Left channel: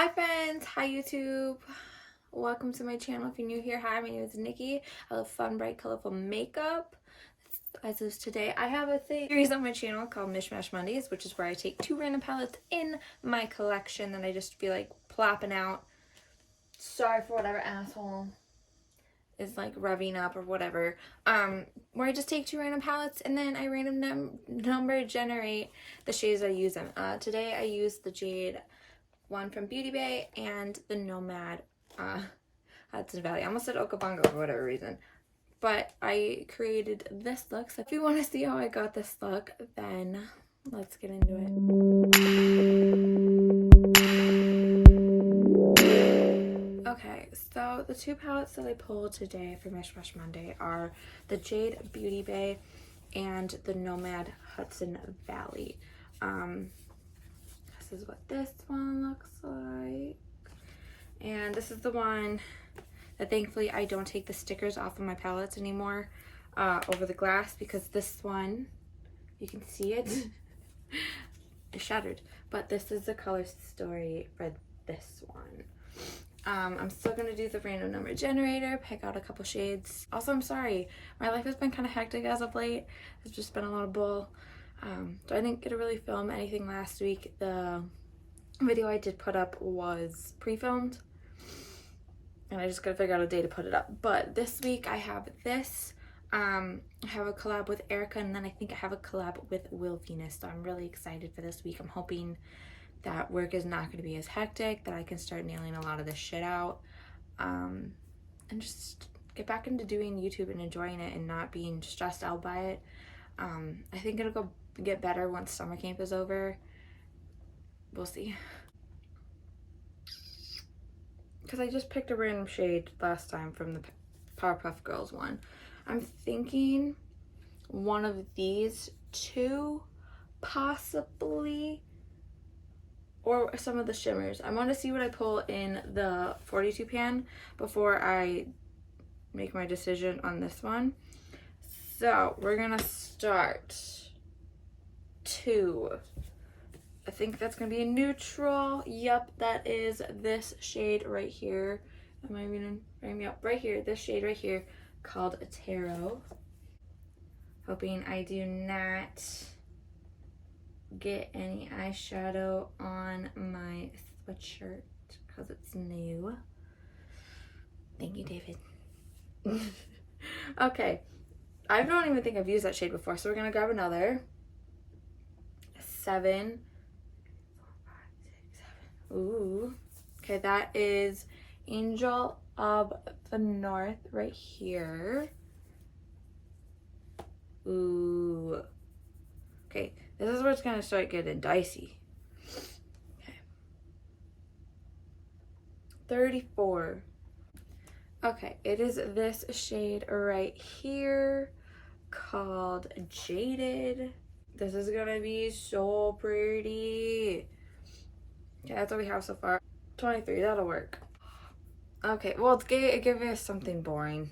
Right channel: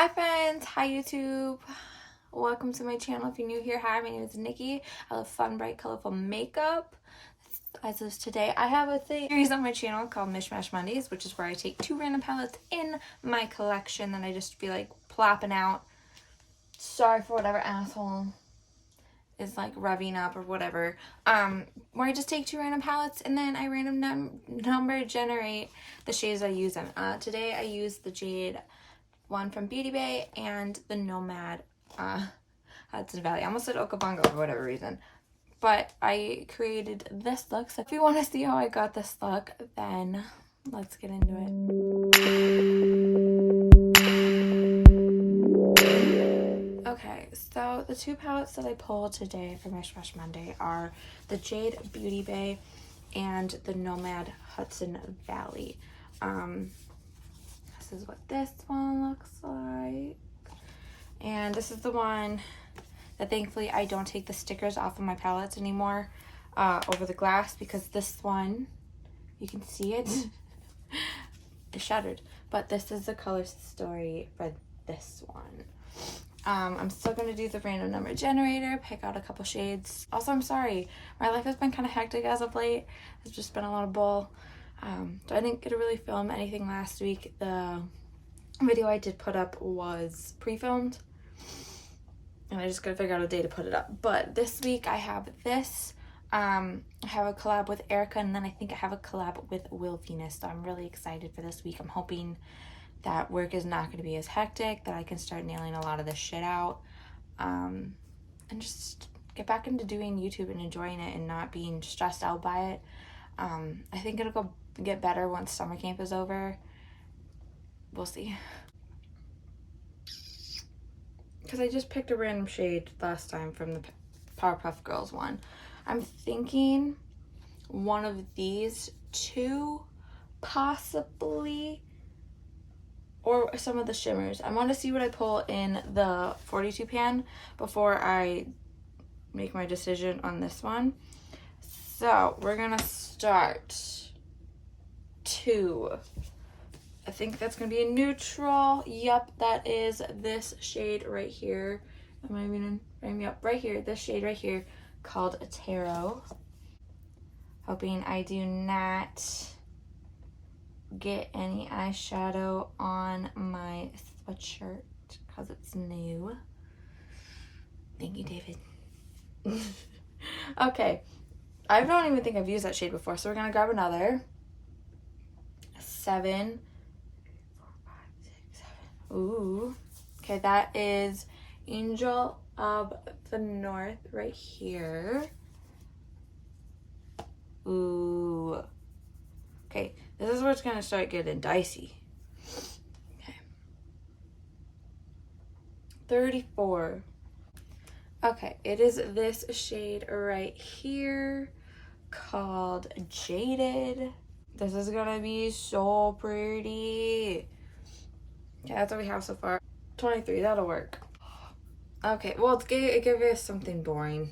Hi friends, hi YouTube. Welcome to my channel. If you're new here, hi, my name is Nikki. I love fun, bright, colorful makeup. As of today, I have a series on my channel called Mish Mondays, which is where I take 2 random palettes in my collection that I just feel like plopping out. Sorry for whatever asshole is like revving up or whatever. Where I just take 2 random palettes and then I random number generate the shades I use them. Today I used the Jade one from Beauty Bay and the Nomad Hudson Valley. I almost said Okabongo for whatever reason. But I created this look. So if you want to see how I got this look, then let's get into it. Okay, so the 2 palettes that I pulled today for Mish Monday are the Jade Beauty Bay and the Nomad Hudson Valley. This is what this one looks like. And this is the one that thankfully I don't take the stickers off of my palettes anymore over the glass, because this one, you can see it, it's shattered. But this is the color story for this one. I'm still going to do the random number generator, pick out a couple shades. Also, I'm sorry, my life has been kind of hectic as of late. It's just been a lot of bull. So I didn't get to really film anything last week. The video I did put up was pre-filmed, and I just gotta figure out a day to put it up. But this week I have this. I have a collab with Erica, and then I think I have a collab with Will Venus. So I'm really excited for this week. I'm hoping that work is not going to be as hectic, that I can start nailing a lot of this shit out, and just get back into doing YouTube and enjoying it and not being stressed out by it. I think it'll get better once summer camp is over. We'll see. Because I just picked a random shade last time from the Powerpuff Girls one. I'm thinking one of these 2, possibly, or some of the shimmers. I want to see what I pull in the 42 pan before I make my decision on this one. So we're gonna start 2. I think that's gonna be a neutral. Yep, that is this shade right here. Am I even frame me up? Right here, this shade right here called Tarot. Hoping I do not get any eyeshadow on my sweatshirt because it's new. Thank you, David. Okay, I don't even think I've used that shade before, so we're gonna grab another 7. Ooh, okay, that is Angel of the North right here. Ooh, okay, this is where it's gonna start getting dicey. Okay, 34. Okay, it is this shade right here called Jaded. This is gonna be so pretty. Okay, that's what we have so far. 23, that'll work. Okay, well, give us something boring.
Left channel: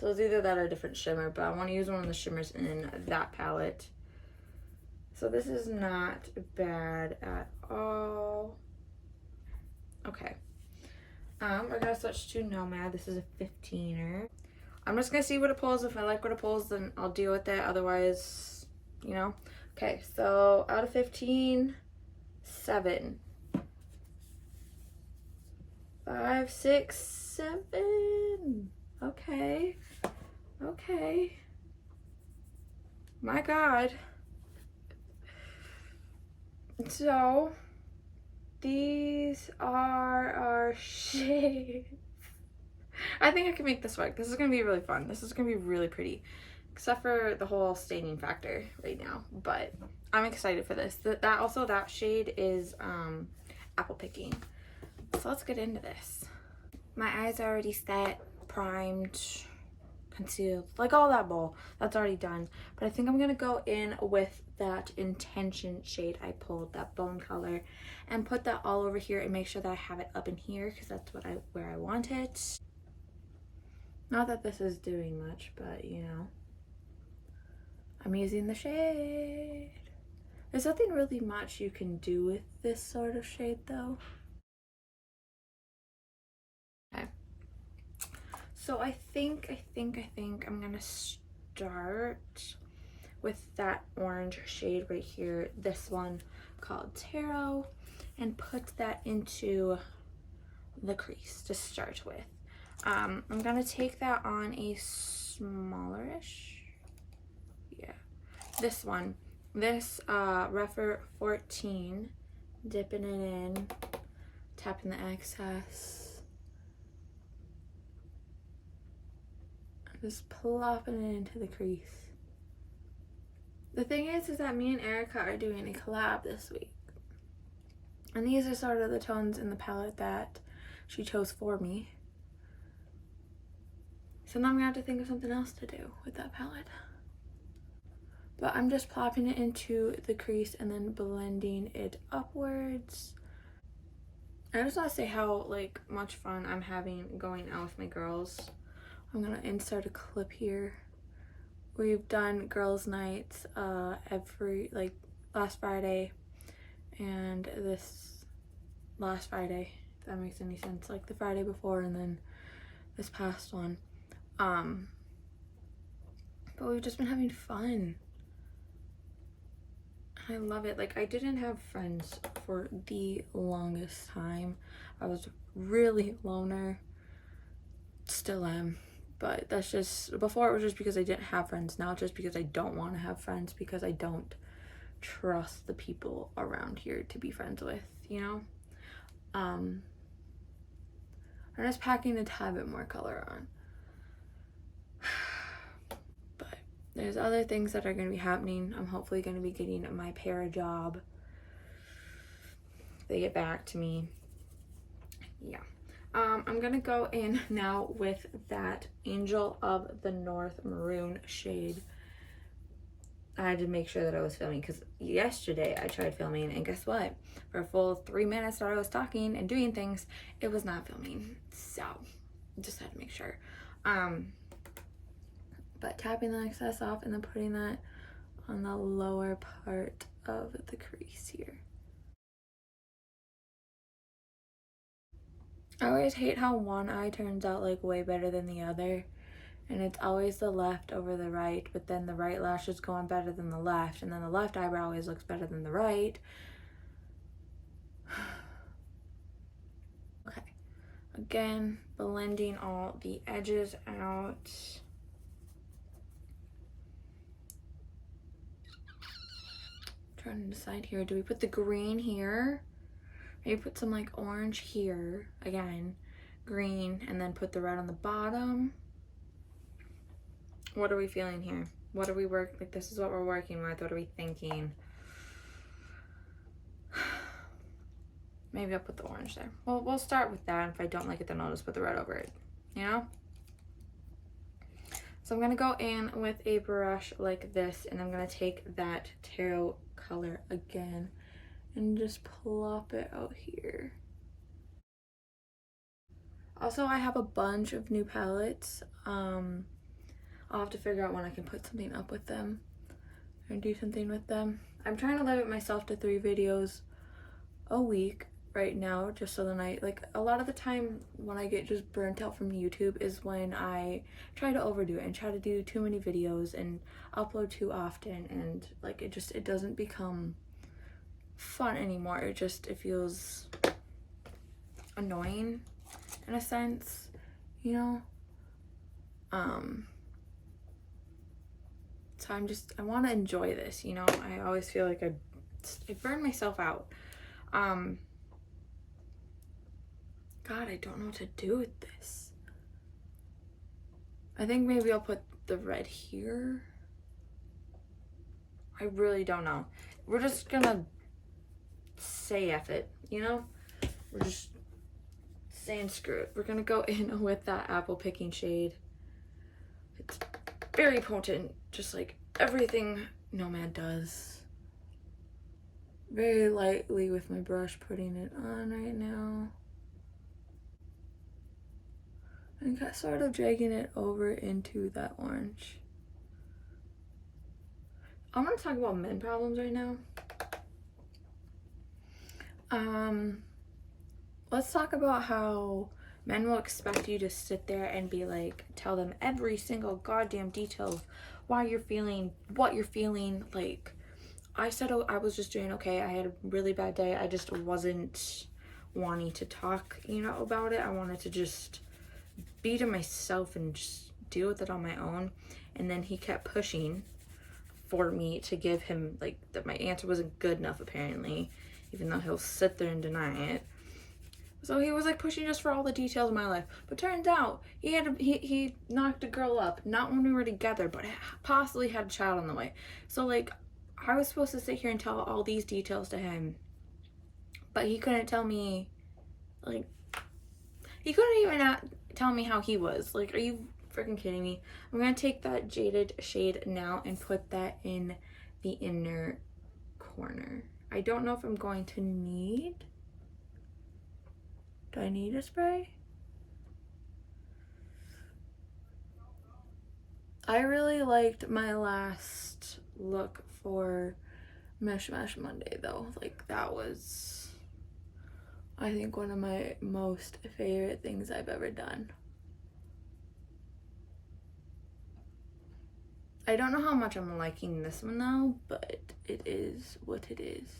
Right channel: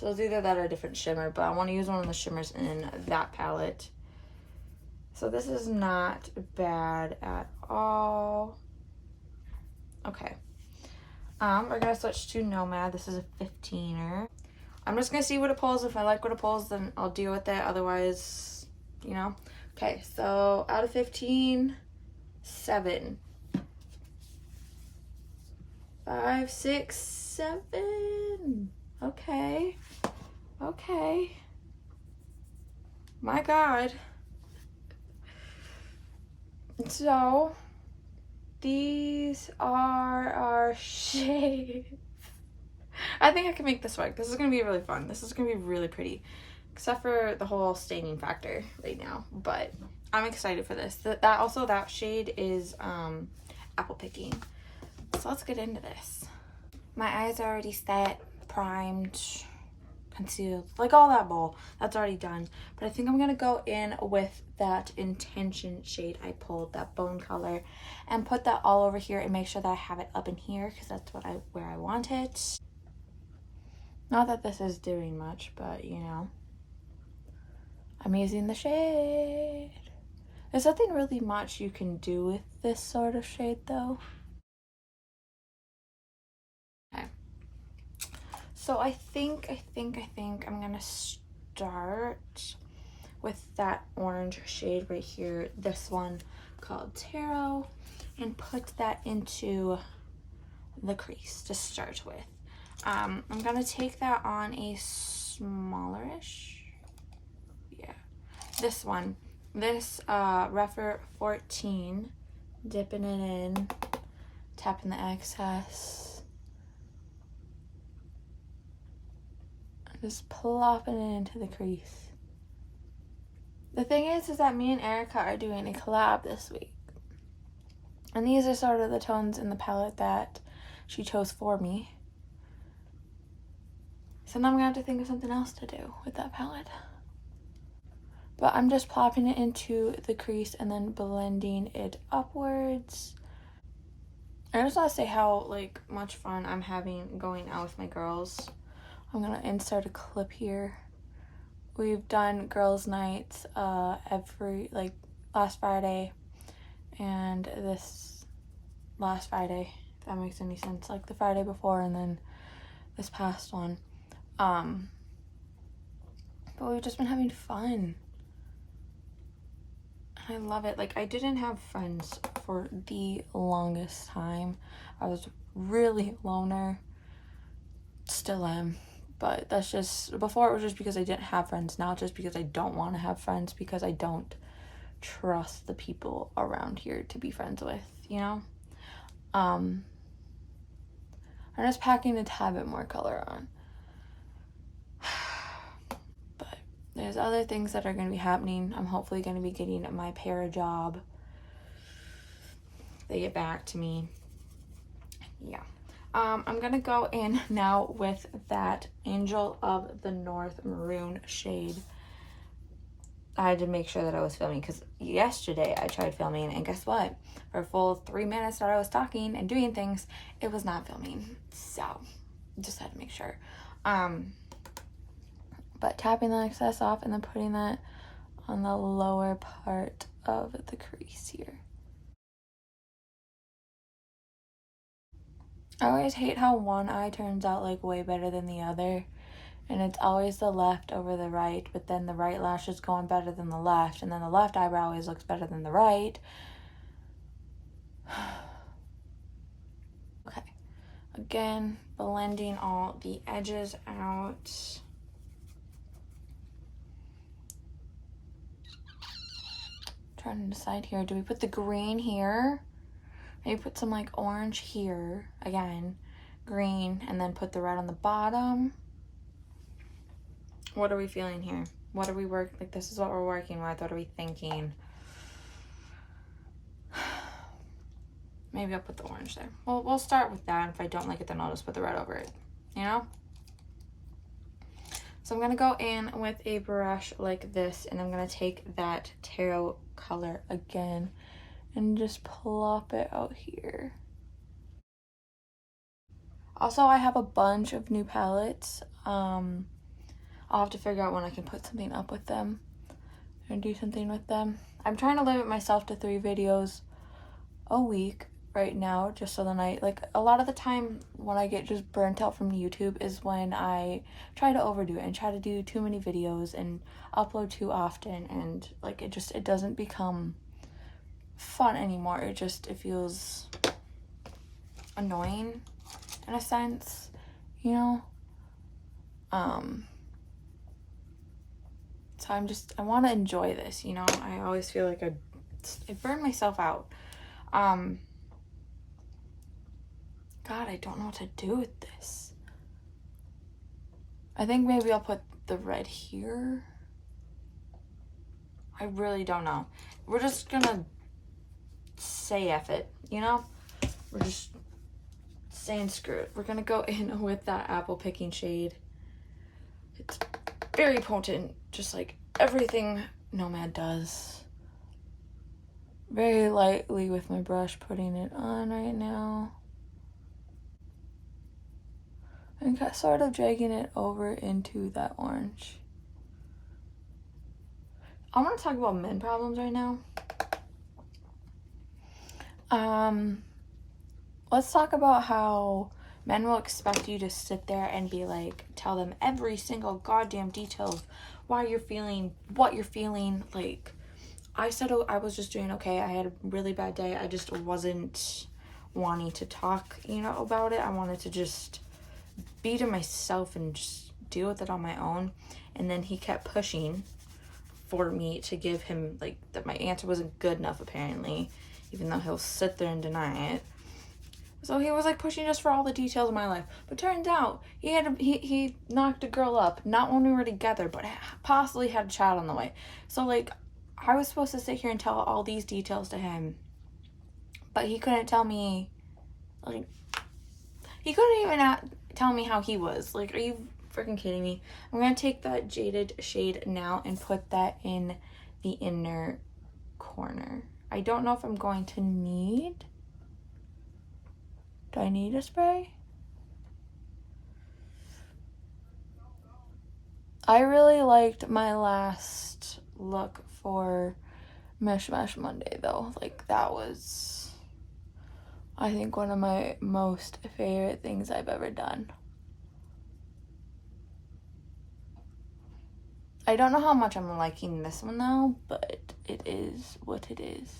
So it's either that or a different shimmer, but I want to use one of the shimmers in that palette. So this is not bad at all. Okay. We're gonna switch to Nomad. This is a 15er. I'm just gonna see what it pulls. If I like what it pulls, then I'll deal with it. Otherwise, you know. Okay, so out of 15, 7. 5, 6, 7. Okay. Okay. My God. So these are our shades. I think I can make this work. This is gonna be really fun. This is gonna be really pretty, except for the whole staining factor right now. But I'm excited for this. That shade is apple picking. So let's get into this. My eyes are already set, primed, concealed, like all that bull. That's already done. But I think I'm gonna go in with that Intention shade I pulled, that bone color, and put that all over here and make sure that I have it up in here, because that's where I want it. Not that this is doing much, but you know, I'm using the shade. There's nothing really much you can do with this sort of shade though. So I think I'm gonna start with that orange shade right here, this one called Tarot, and put that into the crease to start with. I'm gonna take that on a smallerish, yeah, this one, this Refer 14, dipping it in, tapping the excess, just plopping it into the crease. The thing is that me and Erica are doing a collab this week. And these are sort of the tones in the palette that she chose for me. So now I'm gonna have to think of something else to do with that palette. But I'm just plopping it into the crease and then blending it upwards. I just want to say how like much fun I'm having going out with my girls. I'm gonna insert a clip here. We've done girls' nights every, like, last Friday and this last Friday, if that makes any sense, like the Friday before and then this past one. But we've just been having fun. I love it. Like, I didn't have friends for the longest time. I was really loner. Still am. But that's just, before it was just because I didn't have friends. Now it's just because I don't want to have friends, because I don't trust the people around here to be friends with, you know? I'm just packing a tad bit more color on. But there's other things that are going to be happening. I'm hopefully going to be getting my para job. They get back to me. Yeah. I'm gonna go in now with that Angel of the North maroon shade. I had to make sure that I was filming because yesterday I tried filming, and guess what? For a full 3 minutes that I was talking and doing things, it was not filming. So just had to make sure. But tapping the excess off and then putting that on the lower part of the crease here. I always hate how one eye turns out like way better than the other, and it's always the left over the right, but then the right lash is going better than the left, and then the left eyebrow always looks better than the right. Okay, again, blending all the edges out. Trying to decide here, do we put the green here? Maybe put some like orange here, again, green, and then put the red on the bottom. What are we feeling here? What are we like, this is what we're working with. What are we thinking? Maybe I'll put the orange there. Well, we'll start with that. If I don't like it, then I'll just put the red over it, you know? So I'm gonna go in with a brush like this, and I'm gonna take that tarot color again and just plop it out here. Also, I have a bunch of new palettes. I'll have to figure out when I can put something up with them and do something with them. I'm trying to limit myself to 3 videos a week right now, just so then like, a lot of the time when I get just burnt out from YouTube is when I try to overdo it and try to do too many videos and upload too often, and like it doesn't become fun anymore. It feels annoying in a sense, you know? So I want to enjoy this, you know? I always feel like I burn myself out. God, I don't know what to do with this. I think maybe I'll put the red here. I really don't know. We're just gonna say F it, you know? We're just saying screw it. We're gonna go in with that apple picking shade. It's very potent, just like everything Nomad does. Very lightly with my brush, putting it on right now. And sort of dragging it over into that orange. I want to talk about men problems right now. Let's talk about how Men will expect you to sit there and be like, tell them every single goddamn detail of why you're feeling, what you're feeling. Like, I said, oh, I was just doing okay. I had a really bad day. I just wasn't wanting to talk, you know, about it. I wanted to just be to myself and just deal with it on my own. And then he kept pushing for me to give him, like, that my answer wasn't good enough, apparently, even though he'll sit there and deny it. So he was like pushing just for all the details of my life. But turns out he knocked a girl up, not when we were together, but possibly had a child on the way. So like, I was supposed to sit here and tell all these details to him, but he couldn't tell me, like, he couldn't even tell me how he was. Like, are you freaking kidding me? I'm gonna take that Jaded shade now and put that in the inner corner. I don't know if I'm going to need... Do I need a spray? I really liked my last look for Mish Monday though. Like, that was, I think, one of my most favorite things I've ever done. I don't know how much I'm liking this one though, but it is what it is.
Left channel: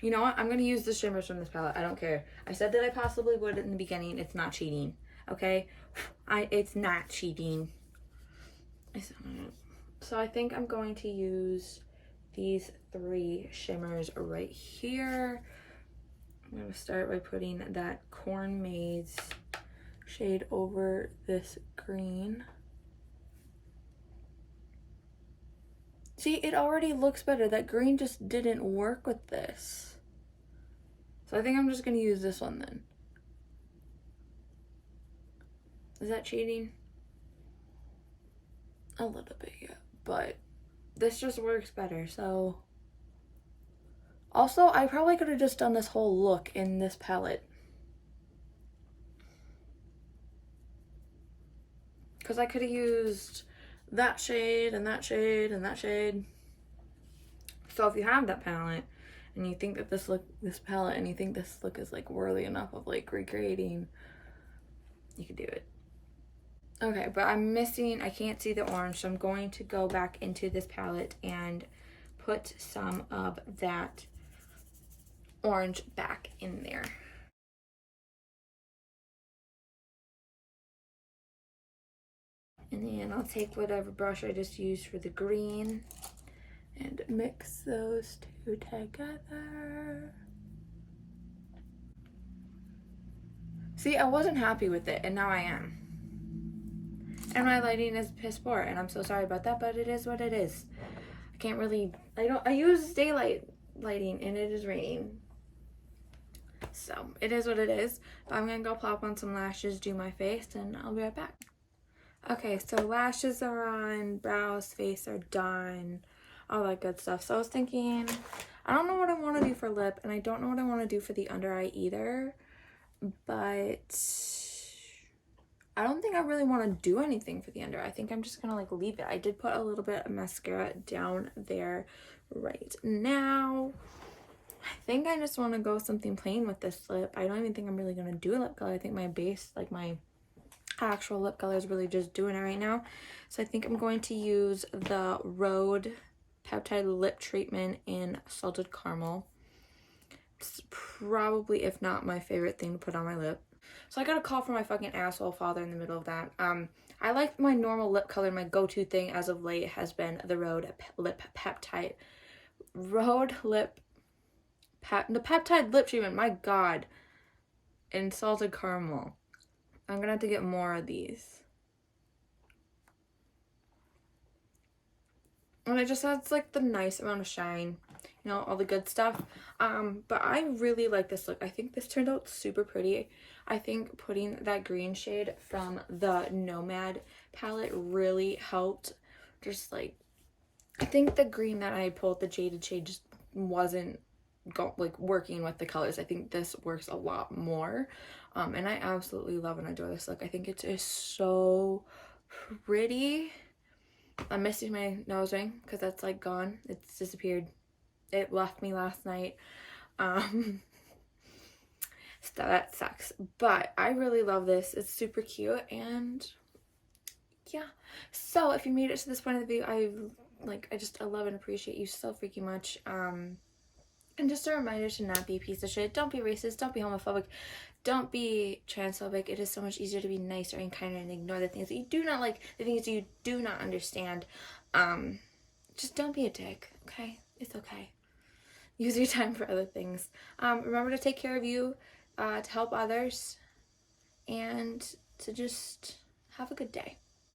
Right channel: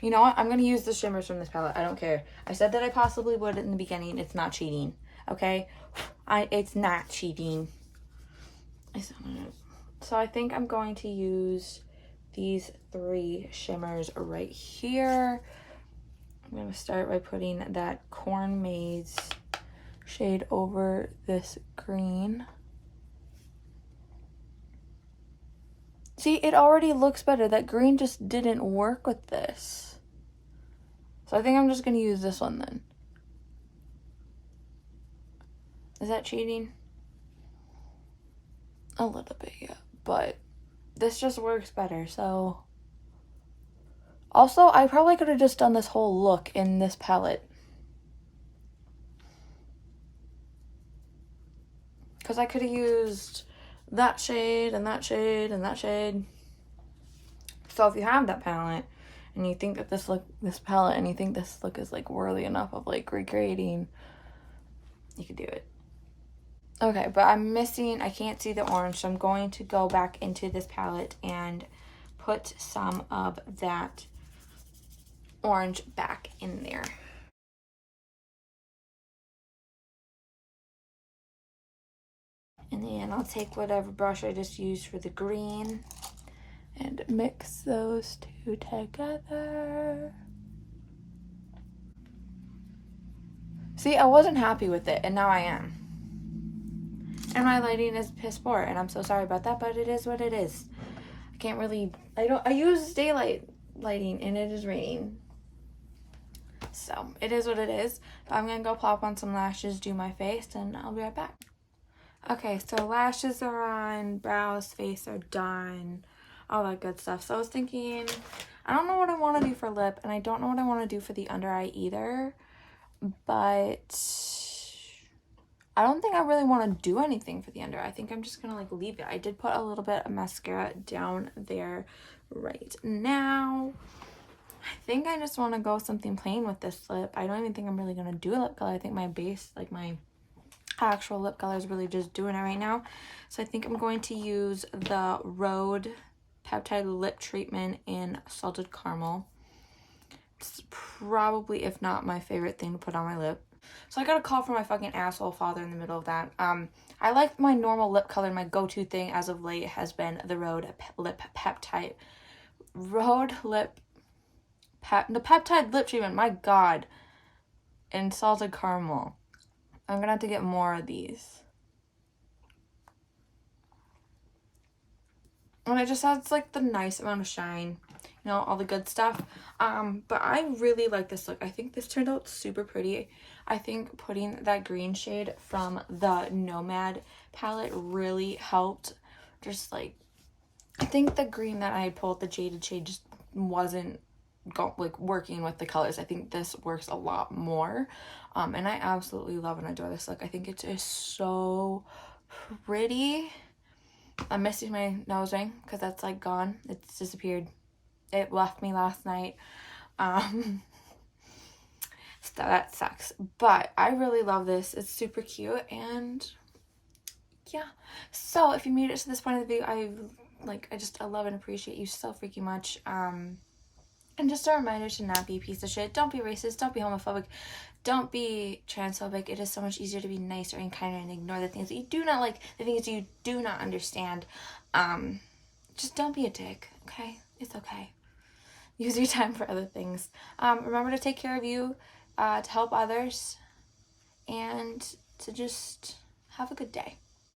You know what? I'm going to use the shimmers from this palette. I don't care. I said that I possibly would in the beginning. It's not cheating. Okay? It's not cheating. So I think I'm going to use these 3 shimmers right here. I'm going to start by putting that Corn Maze shade over this green. See, it already looks better. That green just didn't work with this. So I think I'm just going to use this one then. Is that cheating? A little bit, yeah. But this just works better, so... Also, I probably could have just done this whole look in this palette. Because I could have used that shade and that shade and that shade. So if you have that palette, and you think that this palette, and you think this look is like worthy enough of like recreating, you could do it. Okay, but I'm missing, I can't see the orange, so I'm going to go back into this palette and put some of that orange back in there. And then I'll take whatever brush I just used for the green and mix those 2 together. See, I wasn't happy with it, and now I am. And my lighting is piss poor, and I'm so sorry about that, but it is what it is. I can't really, I use daylight lighting, and it is raining. So, it is what it is. But I'm gonna go plop on some lashes, do my face, and I'll be right back. Okay, so lashes are on, brows, face are done, all that good stuff. So I was thinking, I don't know what I want to do for lip, and I don't know what I want to do for the under eye either, but I don't think I really want to do anything for the under eye. I think I'm just gonna like leave it. I did put a little bit of mascara down there right now. I think I just want to go something plain with this lip. I don't even think I'm really gonna do a lip color. I think my base, like my actual lip color, is really just doing it right now. So I think I'm going to use the Rhode Peptide Lip Treatment in Salted Caramel. It's probably, if not my favorite thing to put on my lip. So I got a call from my fucking asshole father in the middle of that. I like my normal lip color. My go-to thing as of late has been the Rhode Lip Peptide. The Peptide Lip Treatment, my god. And Salted Caramel. I'm gonna have to get more of these. And it just adds like the nice amount of shine, you know, all the good stuff. But I really like this look. I think this turned out super pretty. I think putting that green shade from the Nomad palette really helped. Just like, I think the green that I pulled, the Jaded shade, just wasn't working with the colors. I think this works a lot more. And I absolutely love and adore this look. I think it is so pretty. I'm missing my nose ring because that's like gone. It's disappeared. It left me last night. that sucks. But I really love this. It's super cute, and yeah. So if you made it to this point of the video, I love and appreciate you so freaking much. And just a reminder to not be a piece of shit. Don't be racist. Don't be homophobic. Don't be transphobic. It is so much easier to be nicer and kinder and ignore the things that you do not like, the things you do not understand. Just don't be a dick, okay? It's okay. Use your time for other things. Remember to take care of you, to help others, and to just have a good day.